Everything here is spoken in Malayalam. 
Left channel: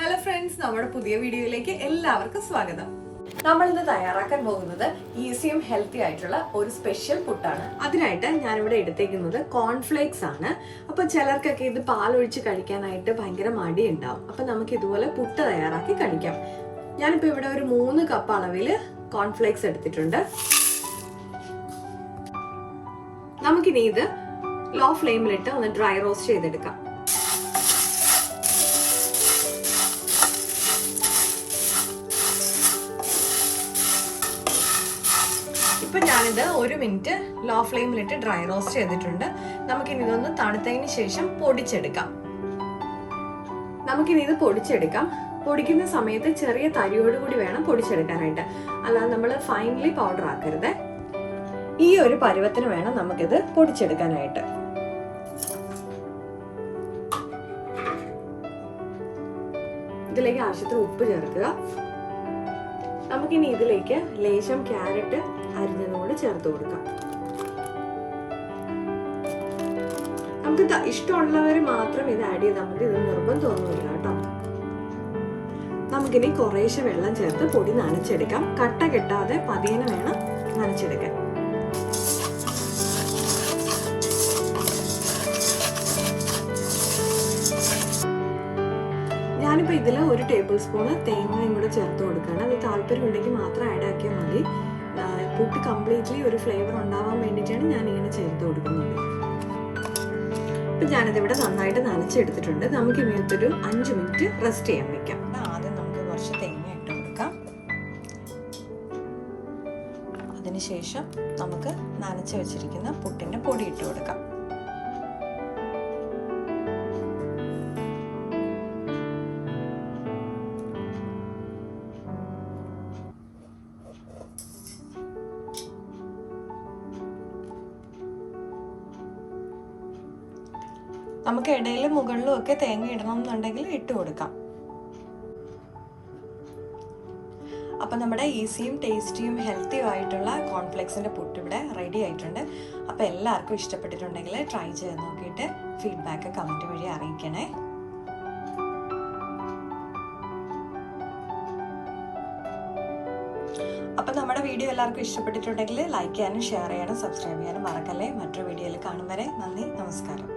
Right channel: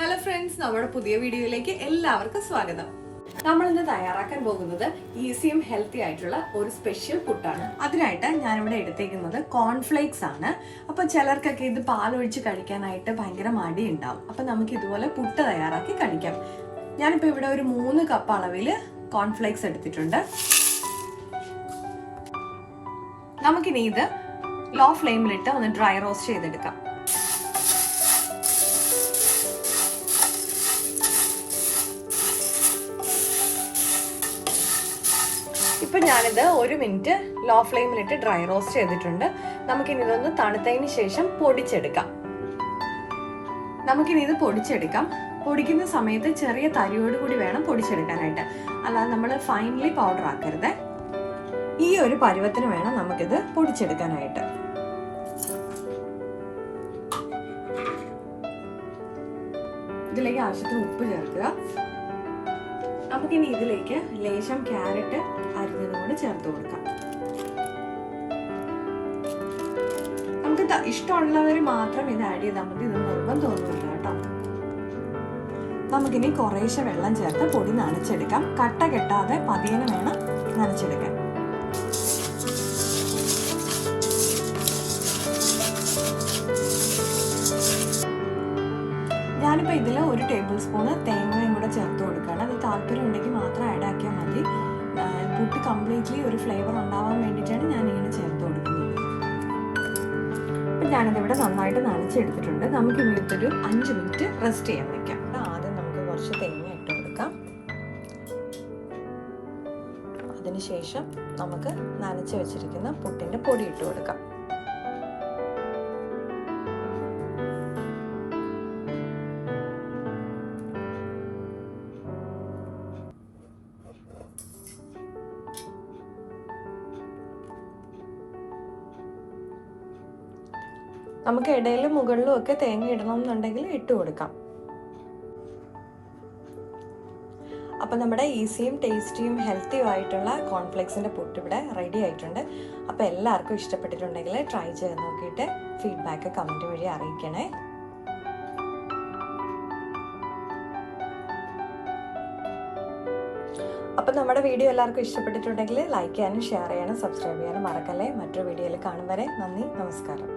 Hello friends, നമ്മുടെ പുതിയ വീഡിയോയിലേക്ക് എല്ലാവർക്കും സ്വാഗതം. നമ്മൾ ഇന്ന് തയ്യാറാക്കാൻ പോകുന്നത് ഈസിയും ഹെൽത്തി ആയിട്ടുള്ള ഒരു സ്പെഷ്യൽ പുട്ടാണ്. അതിനായിട്ട് ഞാൻ ഇവിടെ എടുത്തേക്കുന്നത് കോൺഫ്ലേക്സ് ആണ്. അപ്പോൾ ചിലർക്കൊക്കെ ഇത് പാലൊഴിച്ച് കഴിക്കാനായിട്ട് ഭയങ്കര മടി ഉണ്ടാവും. അപ്പോൾ നമുക്ക് ഇതുപോലെ പുട്ട് തയ്യാറാക്കി കഴിക്കാം. ഞാനിപ്പോൾ ഇവിടെ ഒരു 3 കപ്പ് അളവിൽ കോൺഫ്ലേക്സ് എടുത്തിട്ടുണ്ട്. നമുക്കിനി ഇത് ലോ ഫ്ലെയിമിലിട്ട് ഒന്ന് ഡ്രൈ റോസ്റ്റ് ചെയ്തെടുക്കാം. ഇപ്പൊ ഞാനിത് 1 മിനിറ്റ് ലോ ഫ്ലെയിമിലിട്ട് ഡ്രൈ റോസ്റ്റ് ചെയ്തിട്ടുണ്ട്. നമുക്കിനി ഇതൊന്ന് തണുത്തതിന് ശേഷം പൊടിച്ചെടുക്കാം. പൊടിക്കുന്ന സമയത്ത് ചെറിയ തരിയോട് കൂടി വേണം പൊടിച്ചെടുക്കാനായിട്ട്, അല്ലാതെ നമ്മൾ ഫൈനലി പൗഡർ ആക്കരുത്. ഈ ഒരു പരുവത്തിന് വേണം നമുക്കിത് പൊടിച്ചെടുക്കാനായിട്ട്. ഇതിലേക്ക് ആവശ്യത്തിന് ഉപ്പ് ചേർക്കുക. നമുക്കിനി ഇതിലേക്ക് ലേശം ക്യാരറ്റ് അരിഞ്ഞതുകൊണ്ട് ചേർത്ത് കൊടുക്കാം. നമുക്ക് ഇഷ്ടമുള്ളവർ മാത്രം ഇത് ആഡ് ചെയ്താൽ മതി, ഇത് നിർബന്ധമൊന്നുമില്ല കേട്ടോ. നമുക്കിനി കുറേശ്ശെ വെള്ളം ചേർത്ത് പൊടി നനച്ചെടുക്കാം. കട്ട കെട്ടാതെ പതിയെ വേണം നനച്ചെടുക്കാൻ. ഞാനിപ്പോൾ ഇതിൽ 1 ടേബിൾ സ്പൂണ് തേങ്ങയും കൂടെ ചേർത്ത് കൊടുക്കുകയാണ്. അത് താല്പര്യം ഉണ്ടെങ്കിൽ മാത്രം ആഡ് ആക്കിയാൽ മതി. പുട്ട് കംപ്ലീറ്റ്ലി ഒരു ഫ്ലേവർ ഉണ്ടാവാൻ വേണ്ടിയിട്ടാണ് ഞാൻ ഇങ്ങനെ ചേർത്ത് കൊടുക്കുന്നത്. അപ്പം ഞാനിതിവിടെ നന്നായിട്ട് നനച്ചെടുത്തിട്ടുണ്ട്. നമുക്ക് ഇങ്ങനത്തൊരു 5 മിനിറ്റ് റെസ്റ്റ് ചെയ്യാൻ വെക്കാം. ആദ്യം നമുക്ക് കുറച്ച് തേങ്ങ ഇട്ട് കൊടുക്കാം. അതിനുശേഷം നമുക്ക് നനച്ച് വെച്ചിരിക്കുന്ന പുട്ടിൻ്റെ പൊടി ഇട്ട് കൊടുക്കാം. നമുക്ക് ഇടയിലും മുകളിലും ഒക്കെ തേങ്ങ ഇടണം എന്നുണ്ടെങ്കിൽ ഇട്ട് കൊടുക്കാം. അപ്പം നമ്മുടെ ഈസിയും ടേസ്റ്റിയും ഹെൽത്തിയും ആയിട്ടുള്ള കോൺഫ്ലേക്സിൻ്റെ പുട്ട് ഇവിടെ റെഡി ആയിട്ടുണ്ട്. അപ്പോൾ എല്ലാവർക്കും ഇഷ്ടപ്പെട്ടിട്ടുണ്ടെങ്കിൽ ട്രൈ ചെയ്ത് നോക്കിയിട്ട് ഫീഡ്ബാക്ക് കമൻറ്റ് വഴി അറിയിക്കണേ. അപ്പം നമ്മുടെ വീഡിയോ എല്ലാവർക്കും ഇഷ്ടപ്പെട്ടിട്ടുണ്ടെങ്കിൽ ലൈക്ക് ചെയ്യാനും ഷെയർ ചെയ്യാനും സബ്സ്ക്രൈബ് ചെയ്യാനും മറക്കല്ലേ. മറ്റൊരു വീഡിയോയിൽ കാണും വരെ നന്ദി, നമസ്കാരം.